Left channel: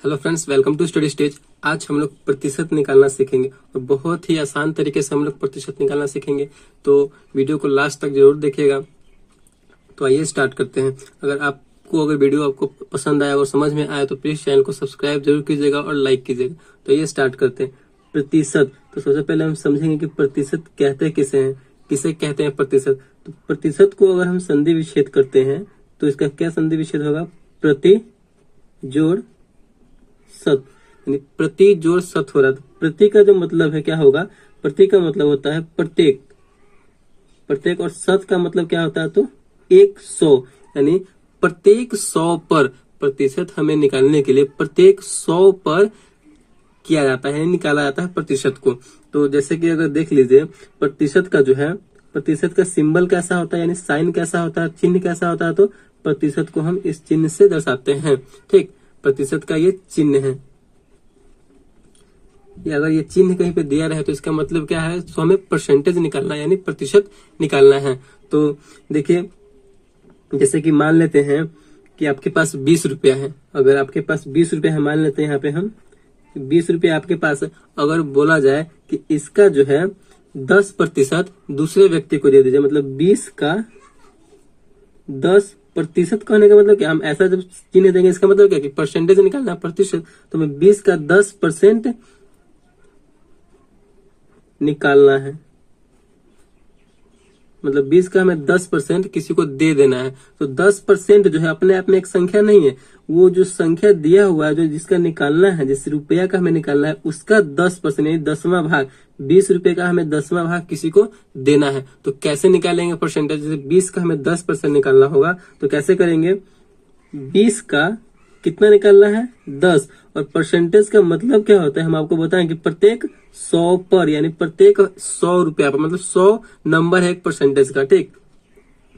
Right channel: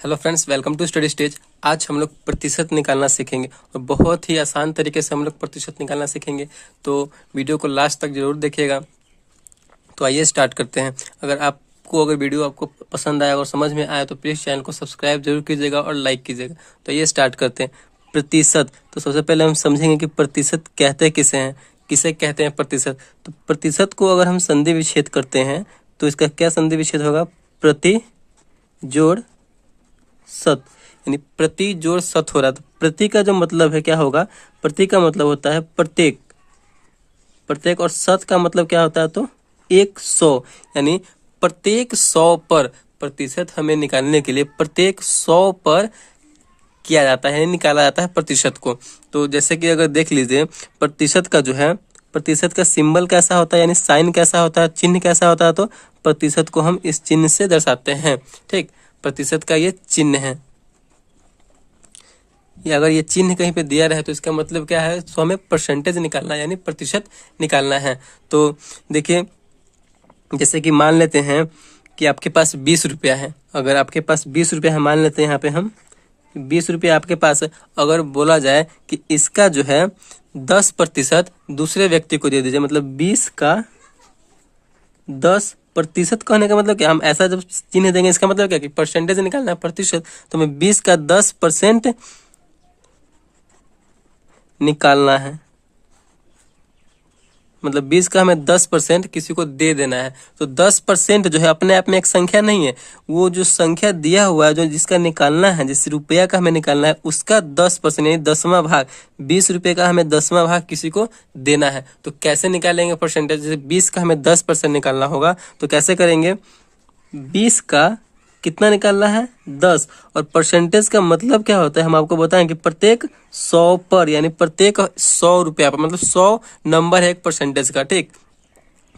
Hello friends, welcome to Study Stage. आज हम लोग प्रतिशत निकालना सीखेंगे और बहुत ही आसान तरीके से हम लोग प्रतिशत निकालना सीखेंगे। तो वीडियो को लास्ट तक जरूर देखिएगा। तो आइए स्टार्ट करते हैं। अगर वीडियो आपको पसंद आया और समझ में आया तो प्लीज़ चैनल को सब्सक्राइब जरूर कीजिएगा और लाइक कीजिएगा। तो आइए स्टार्ट करते हैं। प्रतिशत, तो सबसे पहले हम समझेंगे कि प्रतिशत कहते किसे हैं, किसे कहते हैं प्रतिशत। तो प्रतिशत को अगर हम संधि विच्छेद करते हैं तो इसका क्या संधि विच्छेद होगा? प्रति जोड़ सत, यानी प्रति जोड़ सत हो रहा है। तो प्रति का जो मतलब है क्या होगा? प्रति का मतलब होता है प्रत्येक, प्रत्येक, और सत का मतलब क्या होता है? तो 100, यानी प्रत्येक 100 पर प्रतिशत हमें निकालने के लिए प्रत्येक 100 पर किया जाता है, निकाला जाता है प्रतिशत को। तो जैसे कि अगर देख लीजिए प्रतिशत का जो है, प्रतिशत का सिंबल कैसा होता है, यानी साइन कैसा होता है, चिन्ह कैसा होता है? तो प्रतिशत को हम इस चिन्ह से दर्शाते हैं। ठीक, प्रतिशत का ये चिन्ह है। या अगर ये चिन्ह कहीं पे दिया रहे तो इसका मतलब क्या है? तो हमें परसेंटेज निकालना है, यानी प्रतिशत निकालना है। तो देखिए, जैसे कि मान लेते हैं कि आपके पास 20 रुपया है। अगर आपके पास 20 रुपया है, मान लेते हैं यहाँ पे हम 20 रुपया आपके पास है। अगर बोला जाए कि इसका जो है 10% दूसरे व्यक्ति को दे दीजिए, मतलब 20 का 10% कहने का मतलब क्या? हम ऐसा जब चिन्ह देंगे इसका मतलब क्या कि परसेंटेज निकालना है, प्रतिशत। तो हमें 20 का 10% निकालना है, मतलब 20 का हमें 10% किसी को दे देना है। तो 10% जो है अपने आप में एक संख्या नहीं है, वो जो संख्या दिया हुआ है, जो जिसका निकालना है, जिस रुपया का हमें निकालना है, उसका 10% यानी 10वां भाग, 20 रुपये का हमें 10वां भाग किसी को देना है। तो कैसे निकालेंगे परसेंटेज? जैसे 20 का हमें 10% निकालना होगा तो कैसे करेंगे? 20 का कितना निकालना है? 10। और परसेंटेज का मतलब क्या होता है? हम आपको बताएं कि प्रत्येक 100 पर, यानी प्रत्येक 100 रुपया पर, मतलब 100 नंबर है एक परसेंटेज का। ठीक,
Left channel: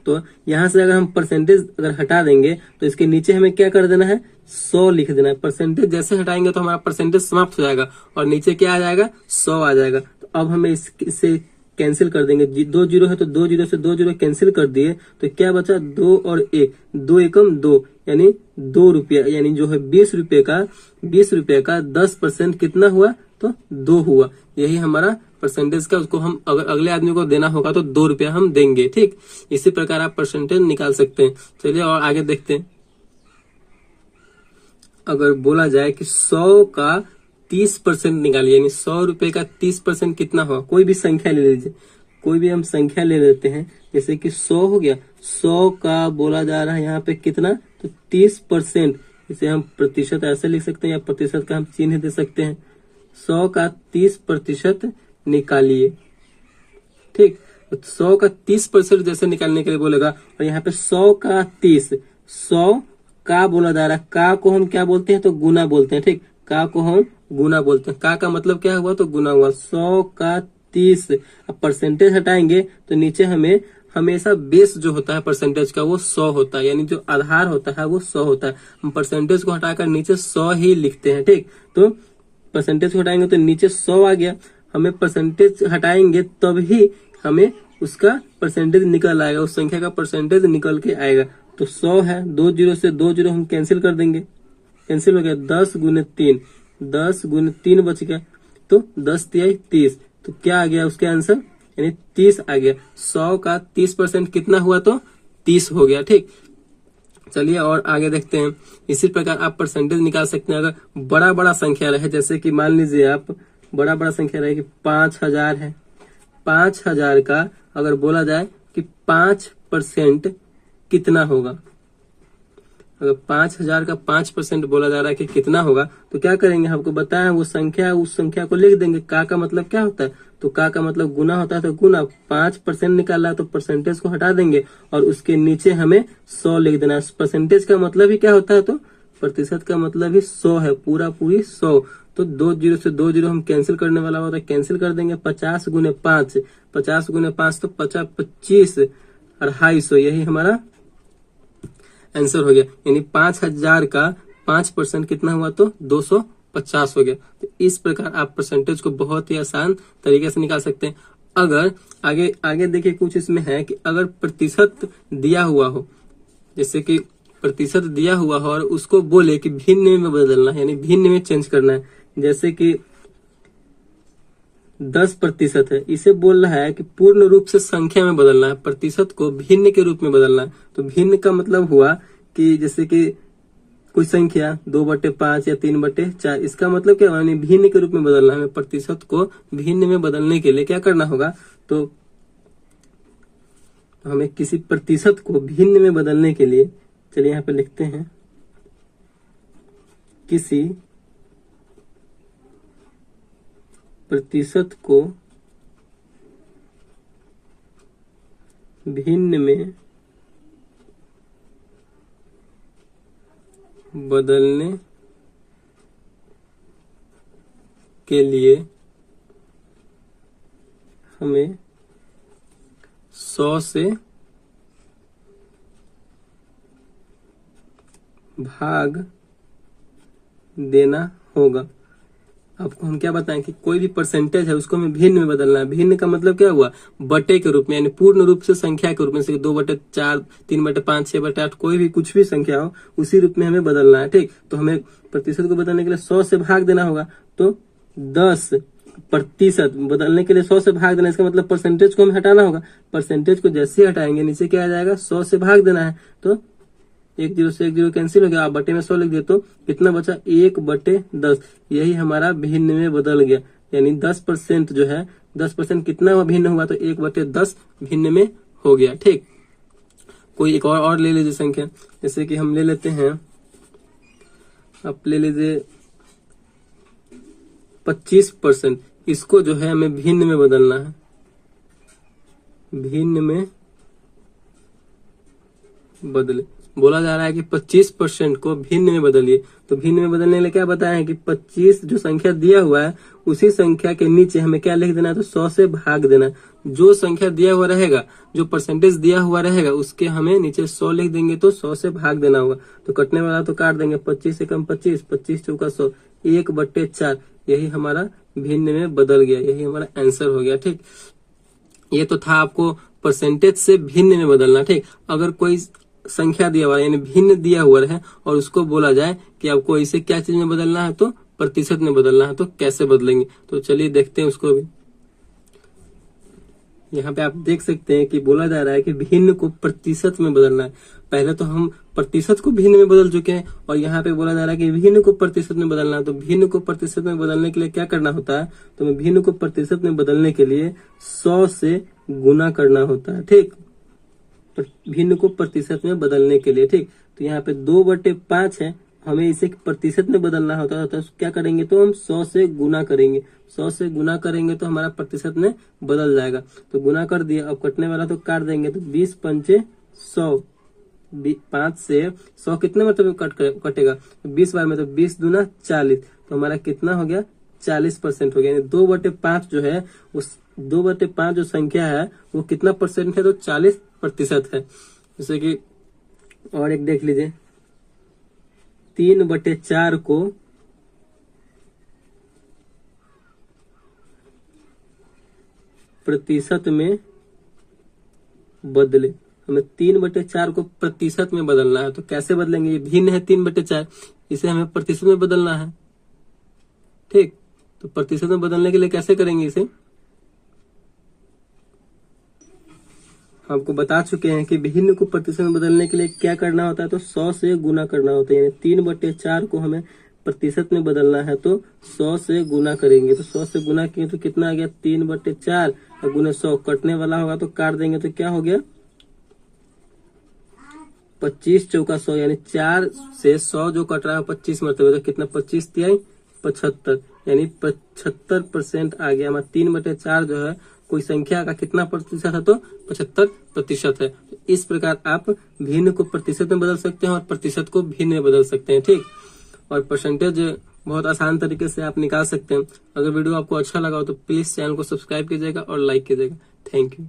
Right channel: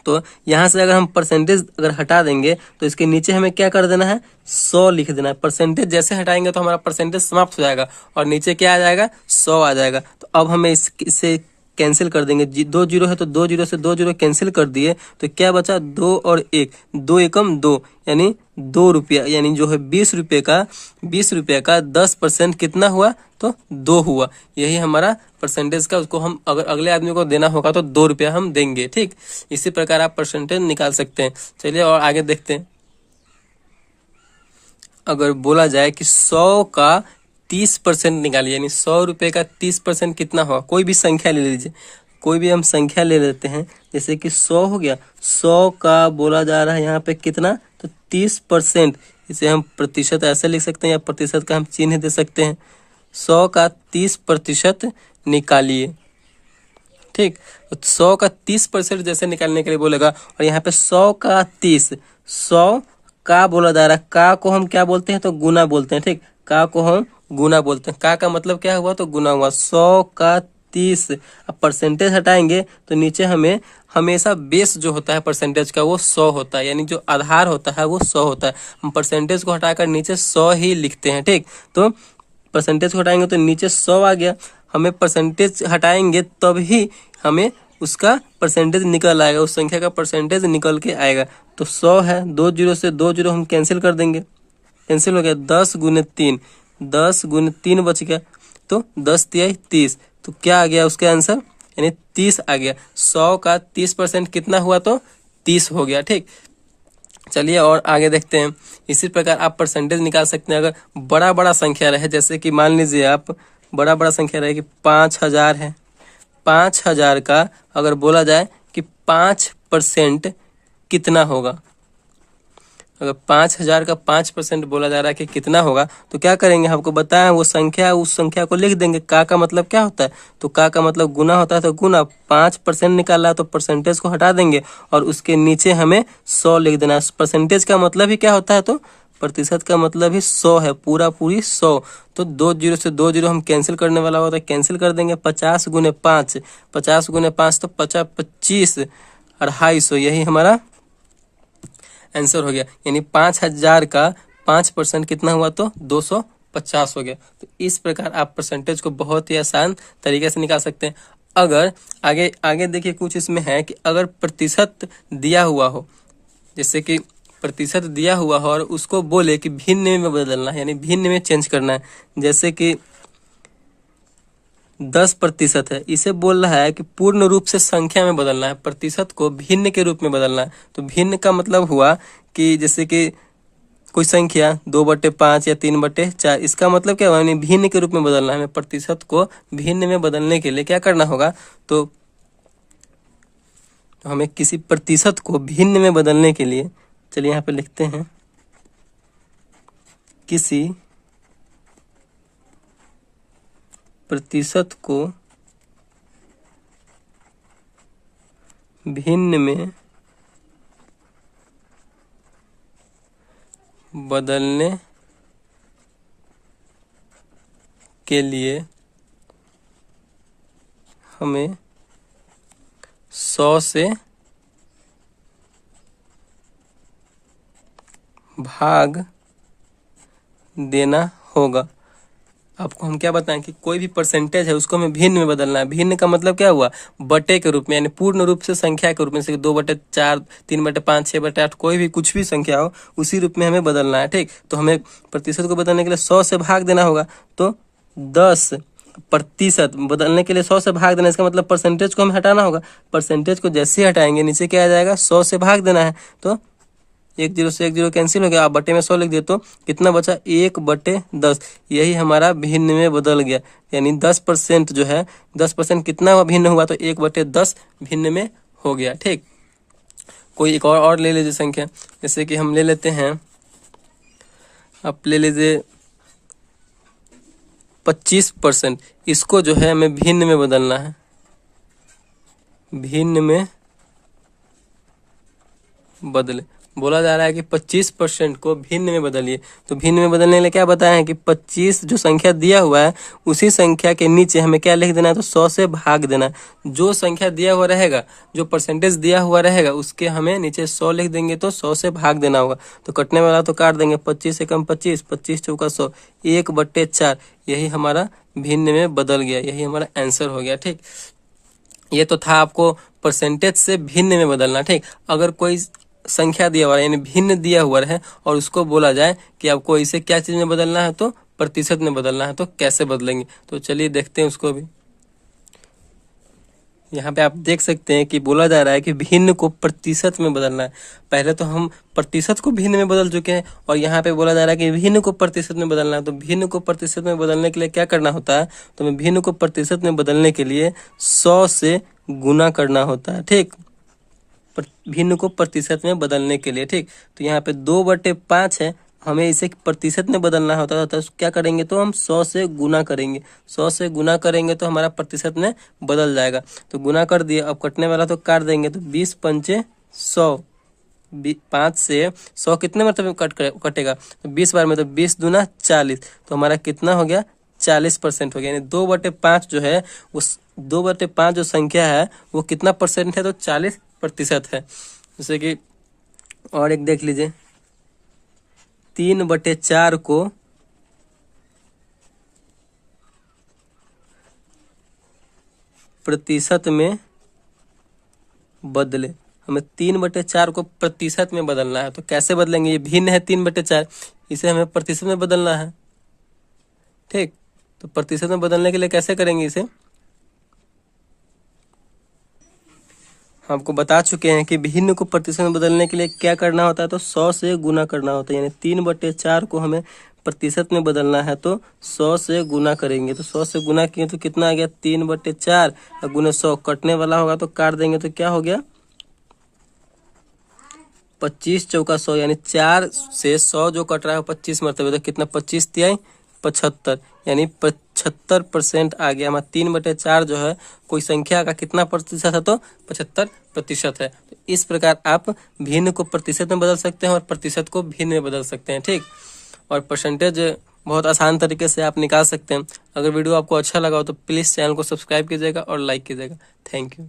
तो यहाँ से अगर हम परसेंटेज अगर हटा देंगे तो इसके नीचे हमें क्या कर देना है? 100 लिख देना है। परसेंटेज जैसे हटाएंगे तो हमारा परसेंटेज समाप्त हो जाएगा और नीचे क्या आ जाएगा? 100 आ जाएगा। तो अब हमें इससे कैंसिल कर देंगे। 2 जीरो है तो 2 जीरो से 2 जीरो कैंसिल कर दिए तो क्या बचा? 2 और 1, 2 एकम 2, यानी 2 रुपया, यानी जो है 20 रुपये का 10% कितना हुआ? तो 2 हुआ। यही हमारा परसेंटेज का, उसको हम अगर अगले आदमी को देना होगा तो 2 रुपया हम देंगे। ठीक, इसी प्रकार आप परसेंटेज निकाल सकते हैं। चलिए और आगे देखते हैं। अगर बोला जाए कि 100 का 30% निकालिए, यानी 100 रुपये का 30% कितना होगा? कोई भी संख्या ले लीजिए, कोई भी हम संख्या ले लेते हैं। जैसे कि 100 हो गया, 100 का बोला जा रहा है यहाँ पे कितना? तो 30%। इसे हम प्रतिशत ऐसे लिख सकते हैं या प्रतिशत का हम चिन्ह दे सकते हैं। 100 का 30% निकालिए। ठीक, तो 100 का 30% जैसे निकालने के लिए बोलेगा, और यहाँ पे 100 का 30, 100 का बोला जा रहा है। का को हम क्या बोलते हैं? तो गुना बोलते हैं। ठीक, का को हम गुना बोलते हैं। का मतलब क्या हुआ? तो गुना हुआ। 100 का 30, अब परसेंटेज हटाएंगे तो नीचे हमें हमेशा बेस जो होता है परसेंटेज का वो 100 होता है, यानी जो आधार होता है वो 100 होता है। हम परसेंटेज को हटाकर नीचे 100 ही लिखते हैं। ठीक, तो परसेंटेज को हटाएंगे तो नीचे 100 आ गया। हमें परसेंटेज हटाएंगे तभी हमें उसका परसेंटेज निकल आएगा, उस संख्या का परसेंटेज निकल के आएगा। तो 100 है, 2 जीरो से 2 जीरो हम कैंसिल कर देंगे, कैंसिल हो गया। 10 गुने 3, 10 गुने 3 बच गया, तो 10 तिहाई 30। तो क्या आ गया उसका आंसर? यानी 30 आ गया। 100 का 30% कितना हुआ? तो 30 हो गया। ठीक, चलिए और आगे देखते हैं। इसी प्रकार आप परसेंटेज निकाल सकते हैं। अगर बड़ा बड़ा संख्या रहे, जैसे कि मान लीजिए आप बड़ा संख्या रहे कि 5000 है, 5000 का अगर बोला जाए कि 5% कितना होगा? अगर 5000 का 5% बोला जा रहा है कि कितना होगा, तो क्या करेंगे? हमको बताया वो संख्या, उस संख्या को लिख देंगे। का मतलब क्या होता है? तो का मतलब गुना होता है। तो गुना 5% निकाला है तो परसेंटेज को हटा देंगे और उसके नीचे हमें 100 लिख देना है। परसेंटेज का मतलब ही क्या होता है? तो प्रतिशत का मतलब ही 100 है, पूरी 100। तो 2 जीरो से 2 जीरो हम कैंसिल करने वाला होता है, कैंसिल कर देंगे। 50 गुने 5, 50 गुने 5 तो 50, 25, 250, यही हमारा आंसर हो गया। यानी 5000 का 5% कितना हुआ? तो 250 हो गया। तो इस प्रकार आप परसेंटेज को बहुत ही आसान तरीके से निकाल सकते हैं। अगर आगे देखिए कुछ इसमें है कि अगर प्रतिशत दिया हुआ हो, जैसे कि प्रतिशत दिया हुआ हो और उसको बोले कि भिन्न में बदलना है, यानी भिन्न में चेंज करना है। जैसे कि 10% है, इसे बोल रहा है कि पूर्ण रूप से संख्या में बदलना है, प्रतिशत को भिन्न के रूप में बदलना है। तो भिन्न का मतलब हुआ कि जैसे कि कोई संख्या 2/5 या 3/4, इसका मतलब क्या हुआ, यानी भिन्न के रूप में बदलना है। हमें प्रतिशत को भिन्न में बदलने के लिए क्या करना होगा, तो हमें किसी प्रतिशत को भिन्न में बदलने के लिए, चलिए यहाँ पे लिखते हैं, किसी प्रतिशत को भिन्न में बदलने के लिए हमें 100 से भाग देना होगा। आपको हम क्या बताएं कि कोई भी परसेंटेज है उसको हमें भिन्न में बदलना है। भिन्न का मतलब क्या हुआ, बटे के रूप में, यानी पूर्ण रूप से संख्या के रूप में, जैसे 2/4, 3/5, 6/8, कोई भी कुछ भी संख्या हो उसी रूप में हमें बदलना है। ठीक, तो हमें प्रतिशत को बदलने के लिए 100 से भाग देना होगा। तो 10% बदलने के लिए 100 से भाग देना, इसका मतलब परसेंटेज को हमें हटाना होगा। परसेंटेज को जैसे ही हटाएंगे नीचे क्या आ जाएगा, 100 से भाग देना है। तो 1 0 से 1 0 कैंसिल हो गया, आप बटे में 100 लिख दिए तो कितना बचा, 1/10। यही हमारा भिन्न में बदल गया, यानी 10% जो है, 10% कितना भिन्न हुआ, तो 1/10 भिन्न में हो गया। ठीक, कोई एक और ले लीजिए संख्या, जैसे कि हम ले लेते हैं, आप ले लीजिए 25%, इसको जो है हमें भिन्न में बदलना है, भिन्न में बदले। बोला जा रहा है कि 25% को भिन्न में बदलिए। तो भिन्न में बदलने के लिए क्या बताया है कि 25 जो संख्या दिया हुआ है उसी संख्या के नीचे हमें क्या लिख देना है, तो 100 से भाग देना है। जो संख्या दिया हुआ रहेगा, जो परसेंटेज दिया हुआ रहेगा, उसके हमें नीचे 100 लिख देंगे तो 100 से भाग देना होगा। तो कटने वाला तो काट देंगे, 25 से कम 25, 25 चौका 100, 1/4। यही हमारा भिन्न में बदल गया, यही हमारा आंसर हो गया। ठीक, ये तो था आपको परसेंटेज से भिन्न में बदलना। ठीक, अगर कोई संख्या दिया हुआ है, यानी भिन्न दिया हुआ है, और उसको बोला जाए कि आपको इसे क्या चीज में बदलना है, तो प्रतिशत में बदलना है, तो कैसे बदलेंगे, तो चलिए देखते हैं उसको भी। यहाँ पे आप देख सकते हैं कि बोला जा रहा है कि भिन्न को प्रतिशत में बदलना है। पहले तो हम प्रतिशत को भिन्न में बदल चुके हैं, और यहाँ पे बोला जा रहा है कि भिन्न को प्रतिशत में बदलना है। तो भिन्न को प्रतिशत में बदलने के लिए क्या करना होता है, तो हमें भिन्न को प्रतिशत में बदलने के लिए 100 से गुना करना होता है। ठीक, भिन्न को प्रतिशत में बदलने के लिए। ठीक, तो यहाँ पे 2/5 है, हमें इसे प्रतिशत में बदलना होता है, तो क्या करेंगे, तो हम 100 से गुना करेंगे। 100 से गुना करेंगे तो हमारा प्रतिशत में बदल जाएगा। तो गुना कर दिया, अब कटने वाला तो काट देंगे, तो 20 पंचे 100, 5 से 100 कितने मतलब कटेगा, तो 20 बार में, तो 20 दूना 40, तो हमारा कितना हो गया, 40% हो गया। यानी 2/5 जो है, उस 2/5 जो संख्या है वो कितना परसेंट है, तो 40% है। जैसे कि और एक देख लीजिए, 3/4 को प्रतिशत में बदले। हमें 3/4 को प्रतिशत में बदलना है, तो कैसे बदलेंगे, ये भिन्न है 3/4, इसे हमें प्रतिशत में बदलना है। ठीक, तो प्रतिशत में बदलने के लिए कैसे करेंगे, इसे आपको बता चुके हैं कि भिन्न को प्रतिशत में बदलने के लिए क्या करना होता है, तो 100 से गुना करना होता है। यानी 3/4 को हमें प्रतिशत में बदलना है, तो 100 से गुना करेंगे। तो 100 से गुना किए तो कितना आ गया, 3/4 और गुना 100, कटने वाला होगा तो काट देंगे, तो क्या हो गया, 25 चौका 100, यानी 4 से 100 जो कट रहा है 25 मरतबे, तो कितना, 25 तिहाई 75, यानी 75% आ गया। हमारा 3/4 जो है कोई संख्या का कितना प्रतिशत है, तो 75% है। तो इस प्रकार आप भिन्न को प्रतिशत में बदल सकते हैं और प्रतिशत को भिन्न में बदल सकते हैं। ठीक, और परसेंटेज बहुत आसान तरीके से आप निकाल सकते हैं। अगर वीडियो आपको अच्छा लगा हो तो प्लीज़ चैनल को सब्सक्राइब कीजिएगा और लाइक कीजिएगा। Thank you.